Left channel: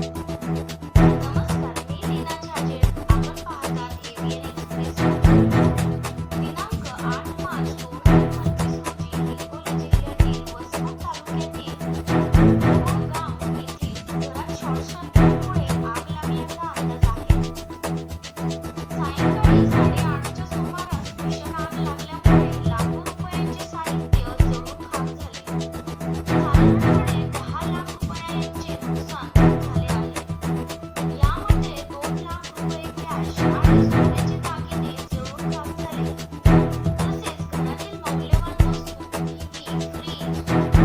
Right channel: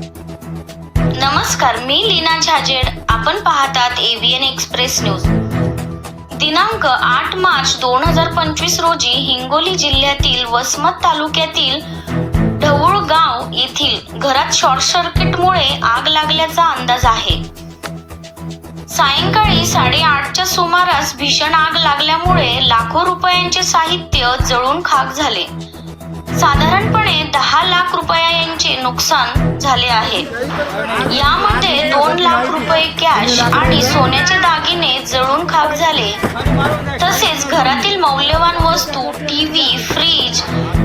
नमस्कार मी लीना झाजेड. आपण पाहतात एव्हीएन एक्सप्रेस न्यूज दिनांक आठ मार्च दोन हजार पंचवीस रोजी हिंगोली जिल्ह्यातील वसमत तालुक्यातील ढवळ गाव येथील घरात शॉर्ट सर्किटमुळे आग लागल्याचा अंदाज आहे. सायंकाळी साडेआठच्या सुमारास भीषण आग लागल्यामुळे लाखो रुपयांचे साहित्य जळून खाक झाले. साधारणपणे दहा लाख रुपयांचे नुकसान झाले आहे यामध्ये दोन लाख रुपये कॅश आणि सोन्याचे दागिने जळून खाक झाले. तसेच घरातील मौल्यवान वस्तू टीव्ही फ्रीज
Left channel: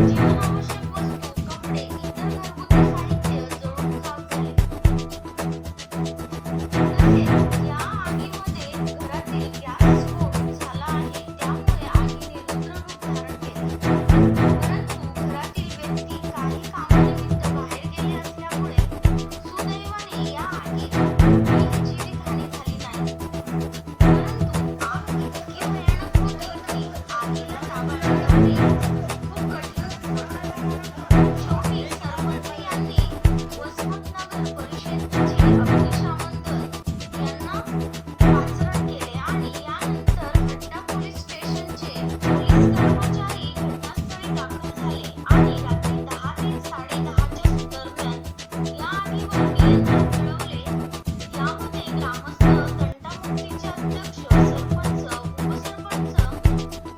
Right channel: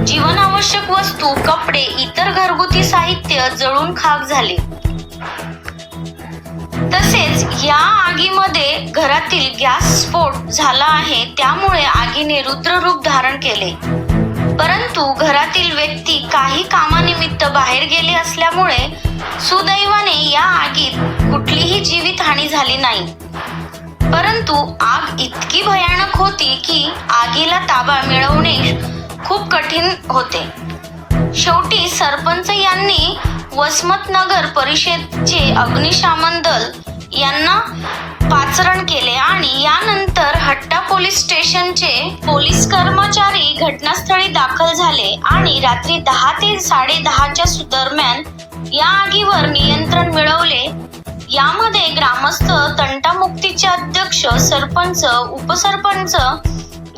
जीवनावश्यक वस्तू कपडे इतर घरगुती साहित्य जळून खाक झाले. तसेच या आगीमध्ये घरातील गॅस स्फोट झाला आहे त्यामुळे आगीने रुद्ररूप धारण केले. परंतु घरातील व्यक्ती काही काम बाहेर गेली असल्यामुळे सुदैवाने या आगीत कुठलीही जीवितहानी झाली नाही. परंतु आग इतकी भयानक होती की आगीला ताबा मिळवणे खूप कठीण होते. शेवटी सरपंच यांनी वसमत नगर परिषदचे अग्निशामन दल यांना पाचरण केले आणि यानंतर हट्टा पोलीस स्टेशनचे पोलीस कर्मचारी घटनास्थळी दाखल झाले आणि रात्री दहा साडे दहाच्या दरम्यान या आगीवर नियंत्रण मिळवले. यामध्ये ग्रामस्थ तंटामुक्तीचे अध्यक्ष सरपंच उपसरपंच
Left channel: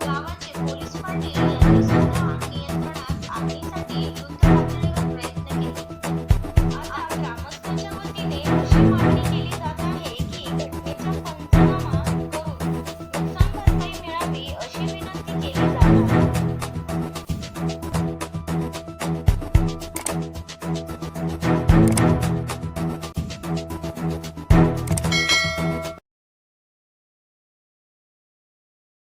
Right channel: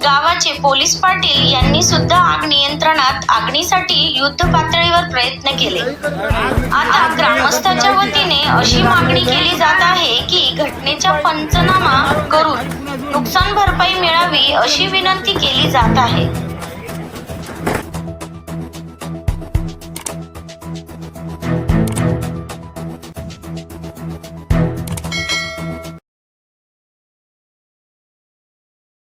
गावाचे पोलीस पाटील यांनी सुद्धा आग नियंत्रणात आगणीसाठी युद्ध पातळीवर प्रयत्न केले. आता ग्रामस्थाच्या वतीने अशी मागणी केली जात आहे की घटनेचा पंचनामा करून नुकसान भरपाई मिळावी अशी विनंती केली जात आहे.